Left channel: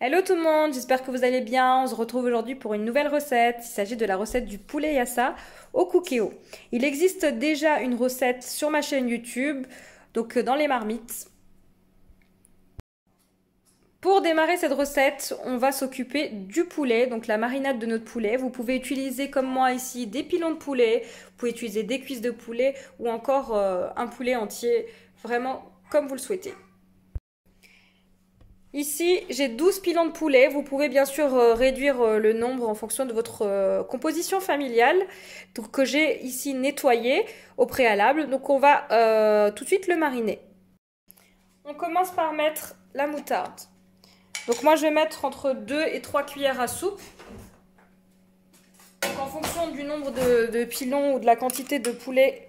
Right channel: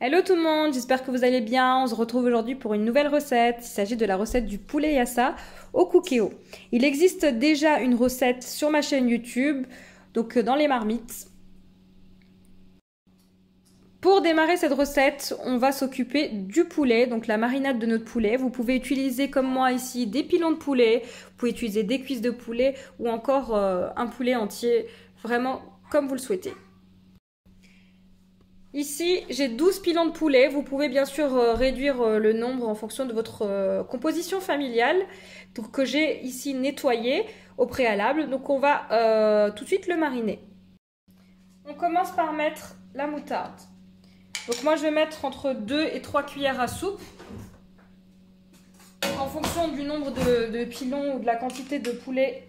Hello tout le monde, j'espère que vous allez bien. On se retrouve aujourd'hui pour une nouvelle recette. Il s'agit de la recette du poulet yassa au cookéo. Il existe déjà une recette sur ma chaîne YouTube, donc dans les marmites. Pour démarrer cette recette, on va s'occuper du poulet, donc la marinade de notre poulet. Vous pouvez utiliser comme moi ici des pilons de poulet, vous pouvez utiliser des cuisses de poulet ou encore un poulet entier, vraiment comme vous le souhaitez. Ici, j'ai 12 pilons de poulet. Vous pouvez bien sûr réduire le nombre en fonction de votre composition familiale. Donc, que j'ai ici nettoyé au préalable. Donc, on va tout de suite le mariner. On commence par mettre la moutarde. Donc, moi, je vais mettre entre 2 et 3 cuillères à soupe. En fonction du nombre de pilons ou de la quantité de poulet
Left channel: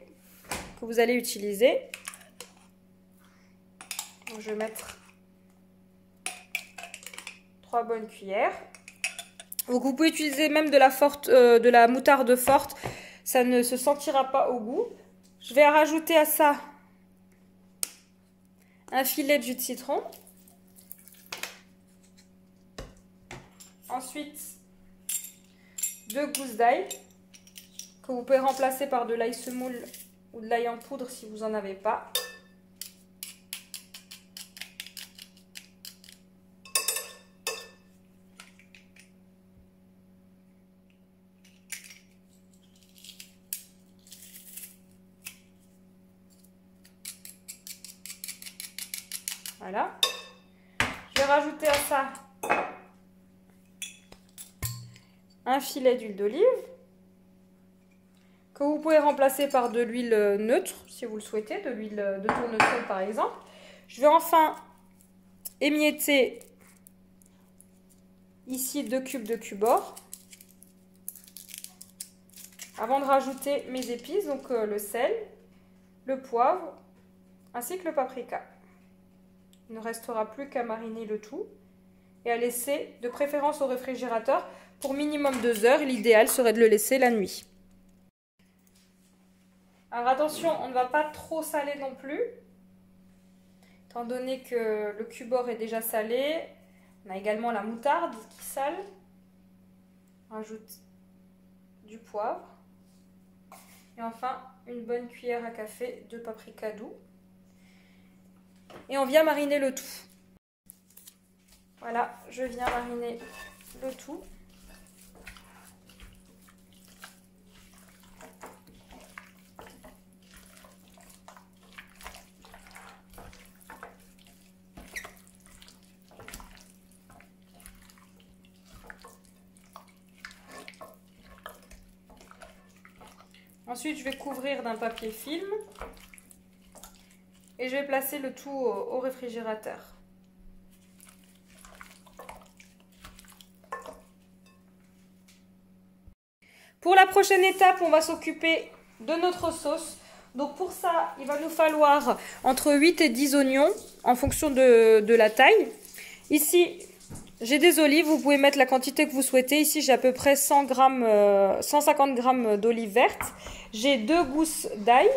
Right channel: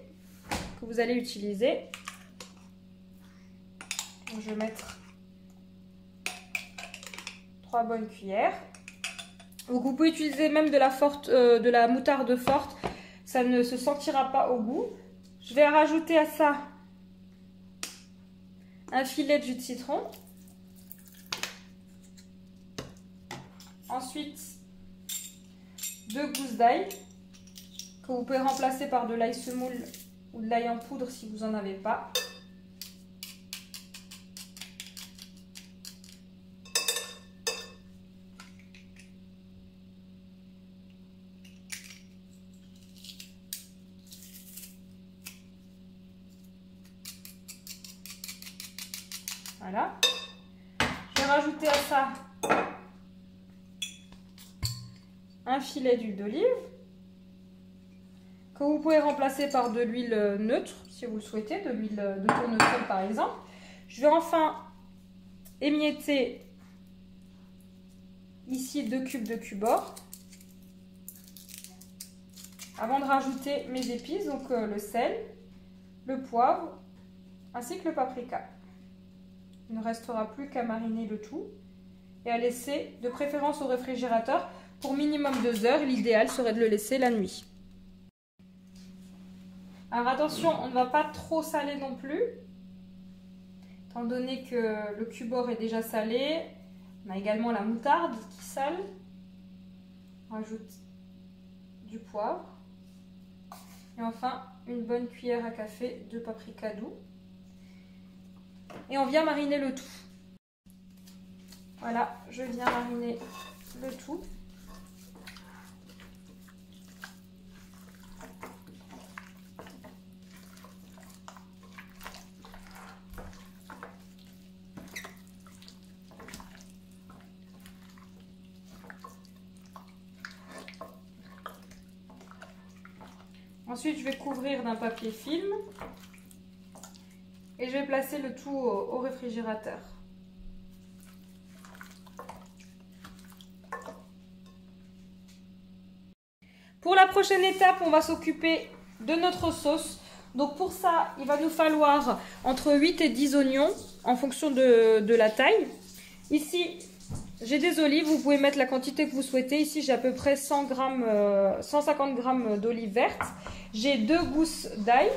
que vous allez utiliser. Donc, je vais mettre 3 bonnes cuillères. Donc vous pouvez utiliser même de la moutarde forte, ça ne se sentira pas au goût. Je vais rajouter à ça un filet de jus de citron. Ensuite, 2 gousses d'ail que vous pouvez remplacer par de l'ail semoule ou de l'ail en poudre si vous n'en avez pas. Voilà. Je vais rajouter à ça un filet d'huile d'olive que vous pouvez remplacer par de l'huile neutre si vous le souhaitez, de l'huile de tournesol par exemple. Je vais enfin émietter ici 2 cubes de cubord avant de rajouter mes épices, donc le sel, le poivre ainsi que le paprika. Il ne restera plus qu'à mariner le tout et à laisser de préférence au réfrigérateur pour minimum 2 heures. L'idéal serait de le laisser la nuit. Alors attention, on ne va pas trop saler non plus, étant donné que le cubord est déjà salé. On a également la moutarde qui sale. On ajoute du poivre et enfin une bonne cuillère à café de paprika doux. Et on vient mariner le tout. Voilà, je viens mariner le tout. Ensuite, je vais couvrir d'un papier film. Et je vais placer le tout au réfrigérateur. Pour la prochaine étape, on va s'occuper de notre sauce. Donc pour ça, il va nous falloir entre 8 et 10 oignons en fonction de la taille. Ici, j'ai des olives, vous pouvez mettre la quantité que vous souhaitez. Ici, j'ai à peu près 150 g d'olives vertes. J'ai 2 gousses d'ail.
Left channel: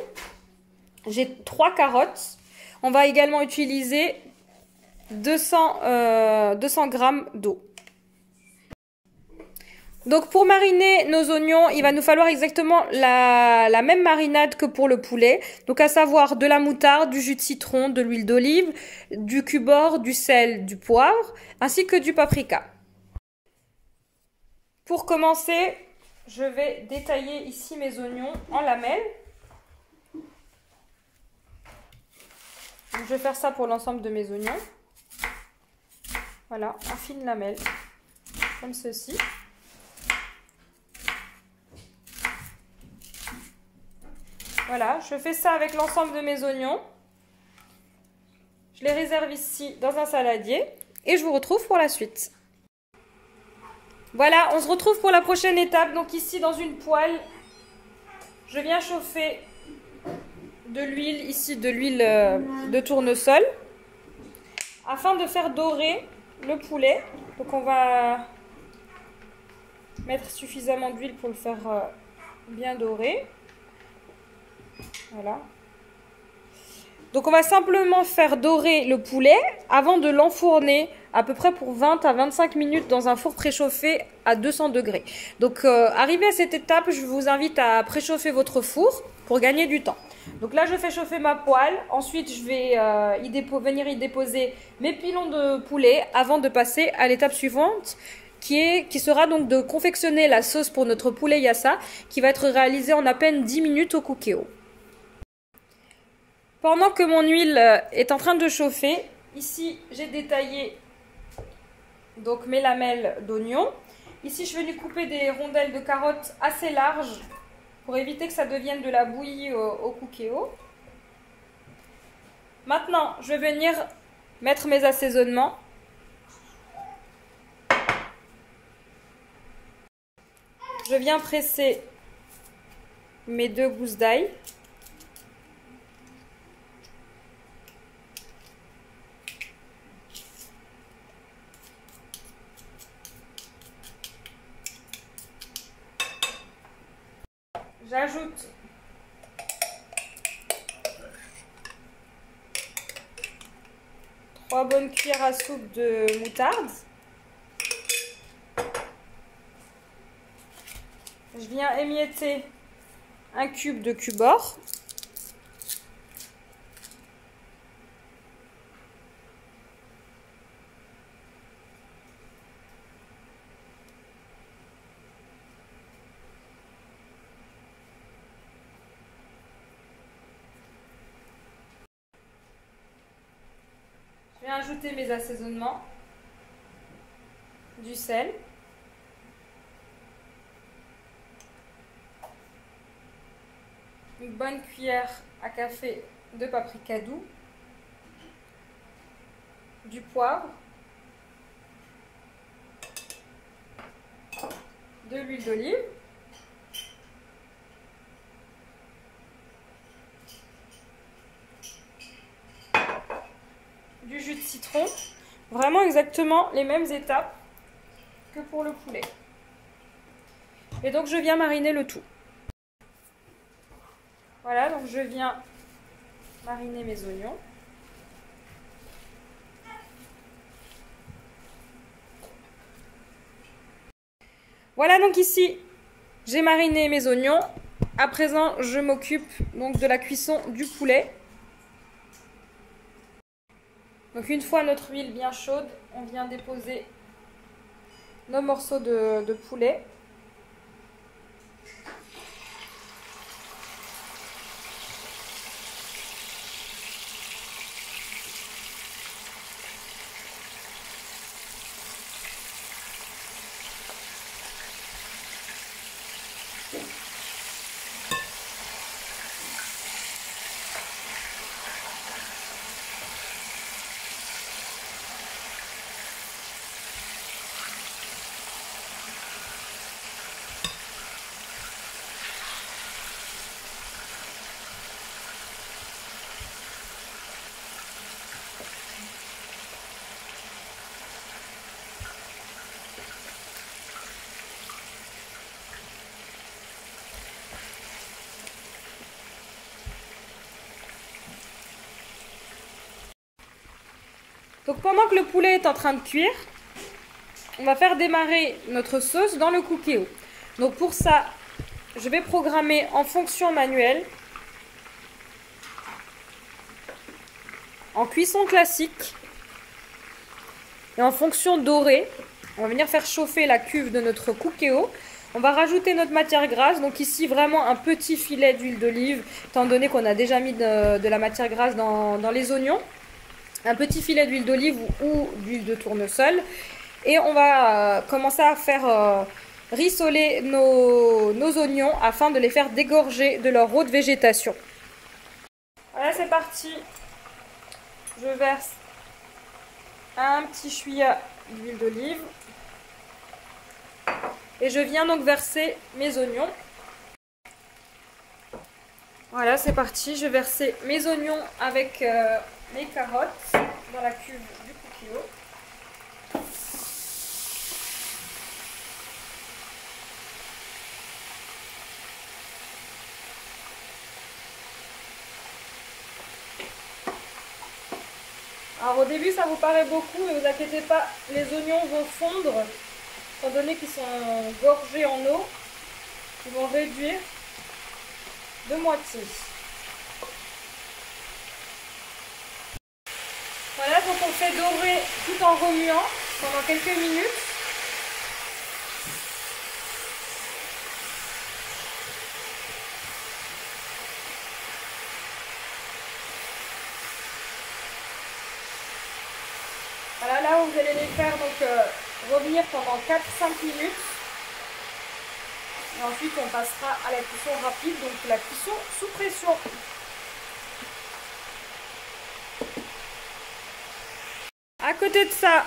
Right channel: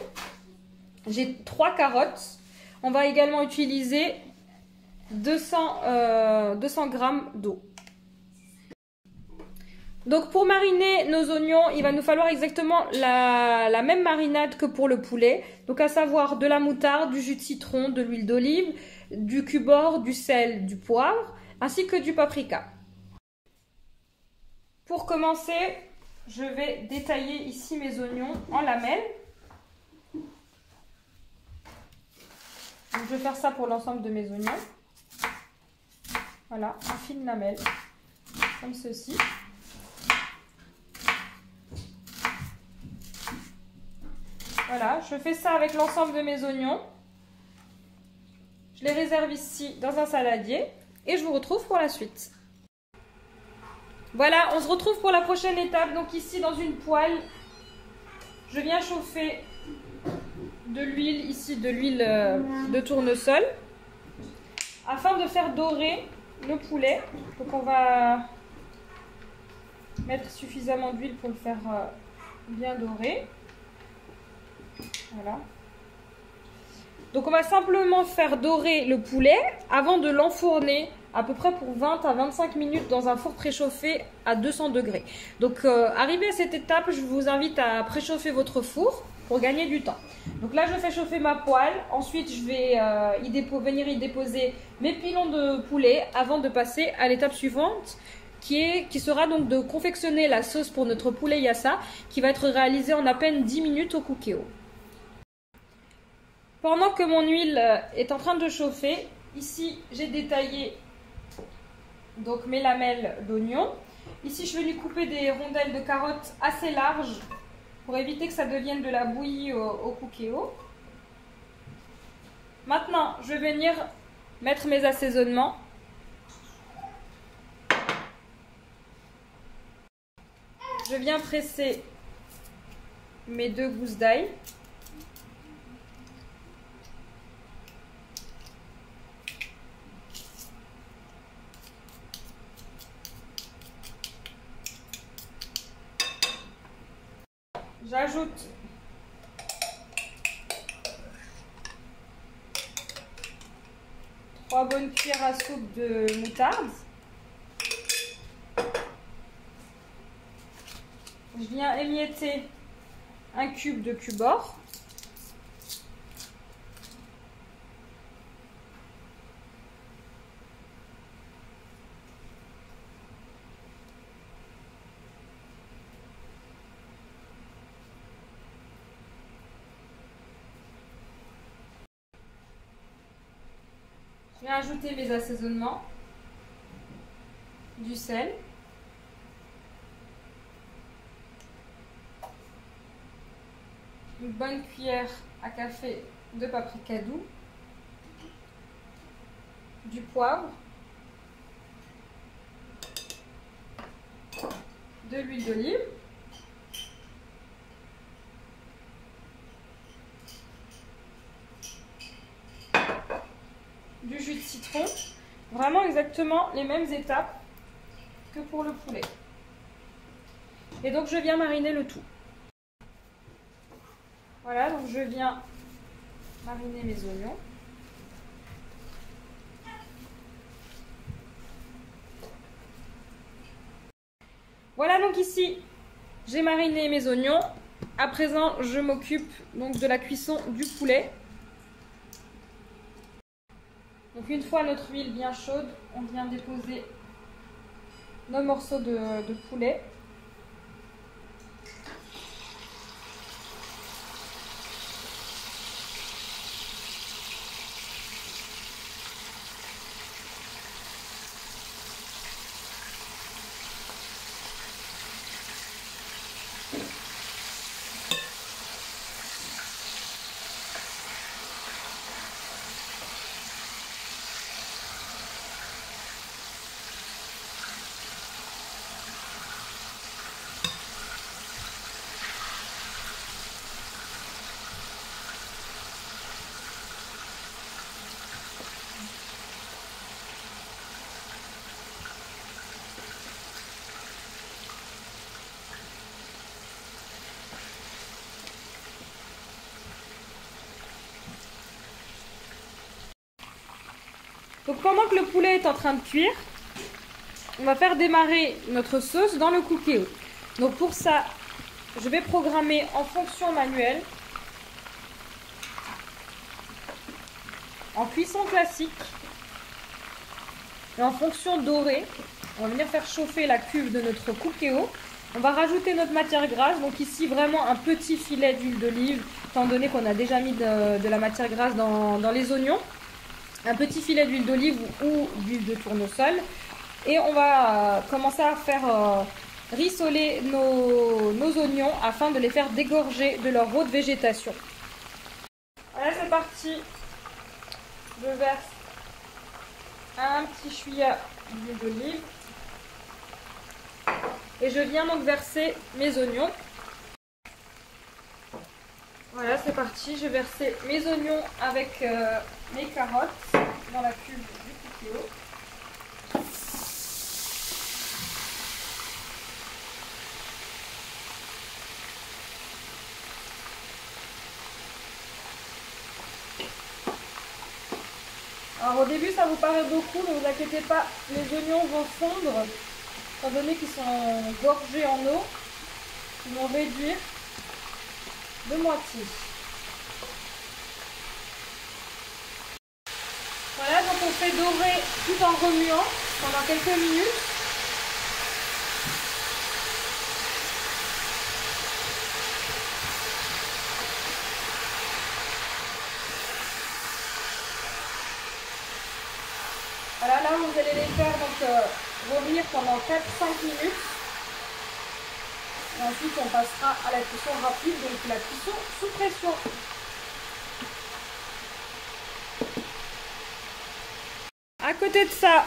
J'ai 3 carottes. On va également utiliser 200 g d'eau. Donc pour mariner nos oignons, il va nous falloir exactement la même marinade que pour le poulet. Donc à savoir de la moutarde, du jus de citron, de l'huile d'olive, du cubord, du sel, du poivre, ainsi que du paprika. Pour commencer, je vais détailler ici mes oignons en lamelles. Je vais faire ça pour l'ensemble de mes oignons. Voilà, en fine lamelle, comme ceci. Voilà, je fais ça avec l'ensemble de mes oignons. Je les réserve ici dans un saladier et je vous retrouve pour la suite. Voilà, on se retrouve pour la prochaine étape. Donc ici, dans une poêle, je viens chauffer de l'huile, ici de l'huile de tournesol, afin de faire dorer le poulet. Donc on va mettre suffisamment d'huile pour le faire bien dorer. Voilà. Donc on va simplement faire dorer le poulet avant de l'enfourner à peu près pour 20 à 25 minutes dans un four préchauffé à 200 degrés. Donc arrivé à cette étape, je vous invite à préchauffer votre four pour gagner du temps. Donc là, je fais chauffer ma poêle. Ensuite, je vais venir y déposer mes pilons de poulet avant de passer à l'étape suivante qui sera donc de confectionner la sauce pour notre poulet yassa qui va être réalisée en à peine 10 minutes au Cookéo. Pendant que mon huile est en train de chauffer, ici j'ai détaillé donc mes lamelles d'oignon. Ici, je vais lui couper des rondelles de carottes assez larges pour éviter que ça devienne de la bouillie au Cookéo. Maintenant, je vais venir mettre mes assaisonnements. Je viens presser mes 2 gousses d'ail. J'ajoute trois bonnes cuillères à soupe de moutarde. Je viens émietter un cube de cubord. Je vais ajouter mes assaisonnements, du sel, une bonne cuillère à café de paprika doux, du poivre, de l'huile d'olive, du jus de citron, vraiment exactement les mêmes étapes que pour le poulet. Et donc je viens mariner le tout. Voilà, donc je viens mariner mes oignons. Voilà, donc ici j'ai mariné mes oignons. À présent, je m'occupe donc de la cuisson du poulet. Donc une fois notre huile bien chaude, on vient déposer nos morceaux de poulet. Donc pendant que le poulet est en train de cuire, on va faire démarrer notre sauce dans le Cookéo. Donc pour ça, je vais programmer en fonction manuelle, en cuisson classique et en fonction dorée. On va venir faire chauffer la cuve de notre Cookéo. On va rajouter notre matière grasse, donc ici vraiment un petit filet d'huile d'olive, étant donné qu'on a déjà mis de la matière grasse dans les oignons. Un petit filet d'huile d'olive ou d'huile de tournesol. Et on va commencer à faire rissoler nos oignons afin de les faire dégorger de leur eau de végétation. Voilà, c'est parti. Je verse un petit chouïa d'huile d'olive. Et je viens donc verser mes oignons. Voilà, c'est parti. Je vais verser mes oignons avec les carottes dans la cuve du Cookéo. Alors Alors au début ça vous paraît beaucoup, ne vous inquiétez pas, les oignons vont fondre, étant donné qu'ils sont gorgés en eau, ils vont réduire de moitié. Voilà, donc on fait dorer tout en remuant pendant quelques minutes. Voilà, là vous allez les faire donc revenir pendant 4-5 minutes. Et ensuite on passera à la cuisson rapide, donc la cuisson sous pression. À côté de ça,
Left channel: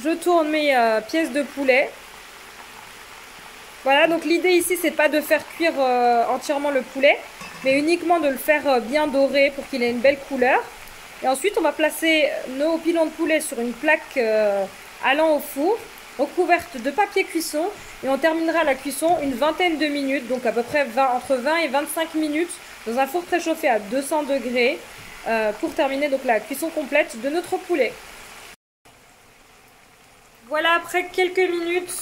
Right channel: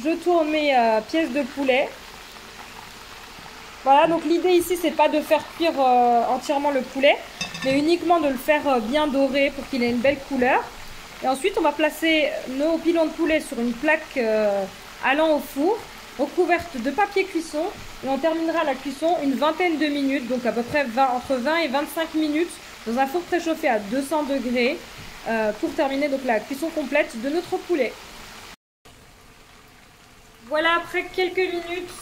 je tourne mes pièces de poulet. Voilà, donc l'idée ici c'est pas de faire cuire entièrement le poulet, mais uniquement de le faire bien doré pour qu'il ait une belle couleur. Et ensuite on va placer nos pilons de poulet sur une plaque allant au four, recouverte de papier cuisson, et on terminera la cuisson une vingtaine de minutes, donc à peu près entre 20 et 25 minutes dans un four préchauffé à 200 degrés pour terminer donc la cuisson complète de notre poulet. Voilà, après quelques minutes,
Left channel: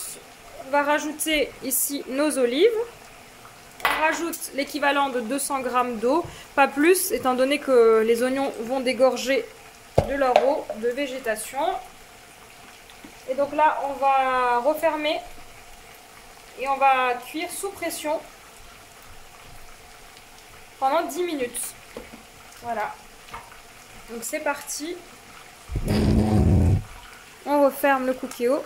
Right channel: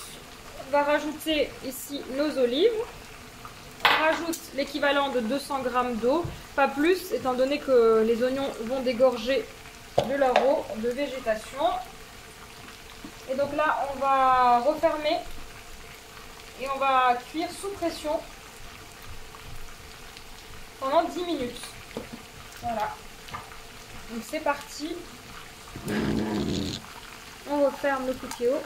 on va rajouter ici nos olives. On rajoute l'équivalent de 200 g d'eau, pas plus, étant donné que les oignons vont dégorger de leur eau de végétation. Et donc là, on va refermer et on va cuire sous pression pendant 10 minutes. Voilà. Donc c'est parti. On referme le cookéo.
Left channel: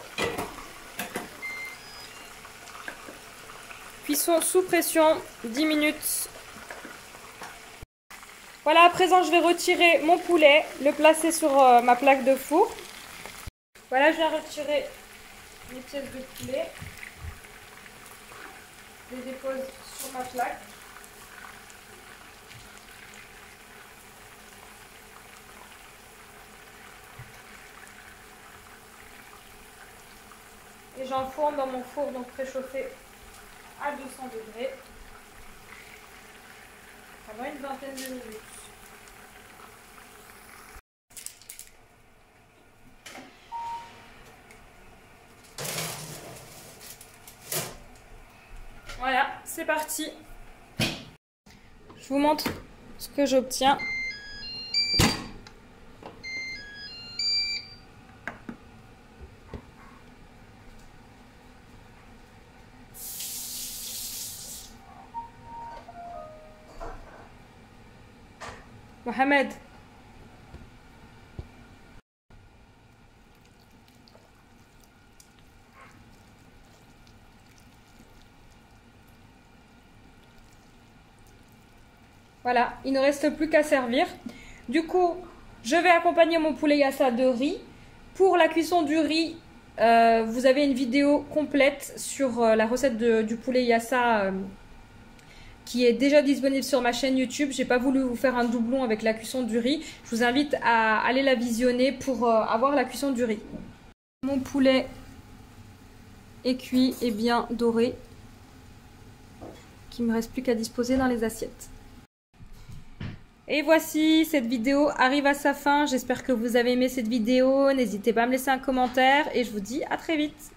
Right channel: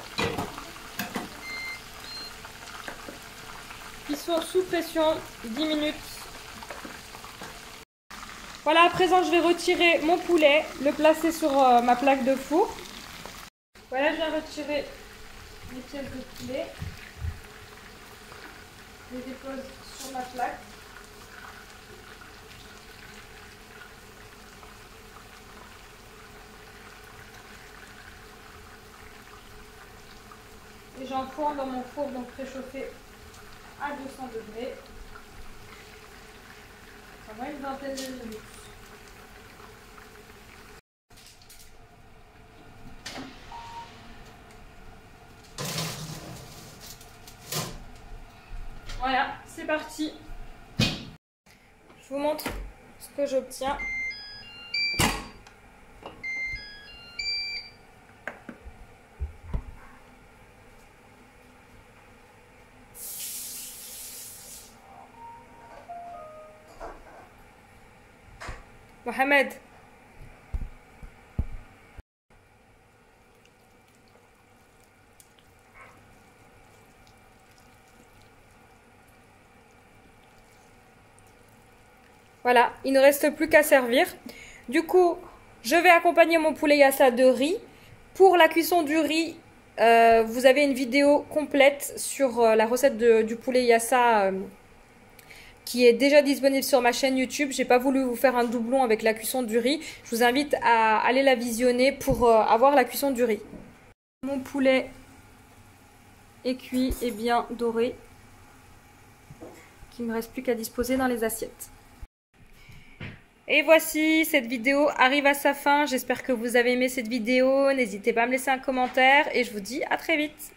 Cuisson sous pression, 10 minutes. Voilà, à présent je vais retirer mon poulet, le placer sur ma plaque de four. Voilà, je vais retirer les pièces de poulet. Je les dépose sur ma plaque. Et j'enfourne dans mon four donc préchauffé à 200 degrés pendant une vingtaine de minutes. Voilà, c'est parti. Je vous montre ce que j'obtiens. Mohamed. Voilà, il ne reste plus qu'à servir. Du coup, je vais accompagner mon poulet yassa de riz. Pour la cuisson du riz, vous avez une vidéo complète sur la recette du poulet yassa qui est déjà disponible sur ma chaîne YouTube. J'ai pas voulu vous faire un doublon avec la cuisson du riz. Je vous invite à aller la visionner pour avoir la cuisson du riz. Mon poulet est cuit et bien doré. Il ne me reste plus qu'à disposer dans les assiettes. Et voici, cette vidéo arrive à sa fin. J'espère que vous avez aimé cette vidéo. N'hésitez pas à me laisser un commentaire et je vous dis à très vite.